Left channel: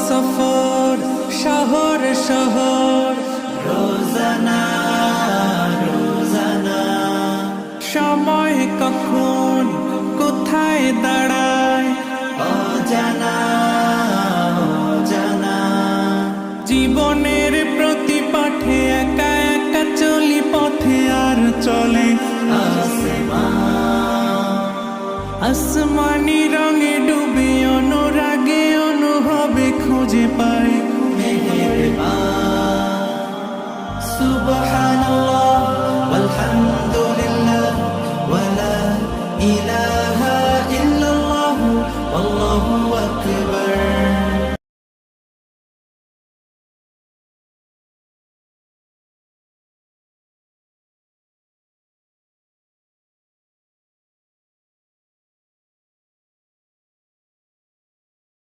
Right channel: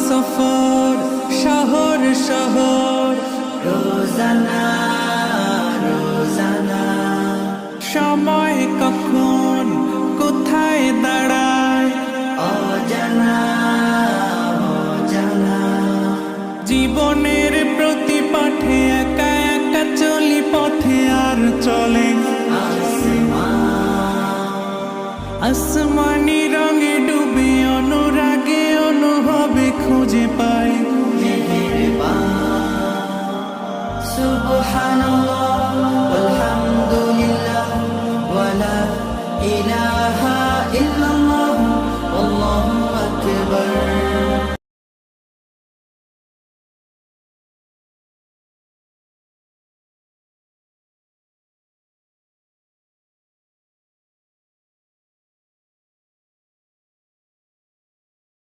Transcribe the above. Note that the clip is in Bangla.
সফর শহর শহর রোজানা রোজানা সময় কখন কোথায় দাঁড়ায় অজানা অজানা জীবনের প্রতি পাঠে একা একা চলি পথে আর চলে আসমানি রঙে ডুবে অনুরাগে অনুভবে খুঁজে পাই সুবহানাল্লাহ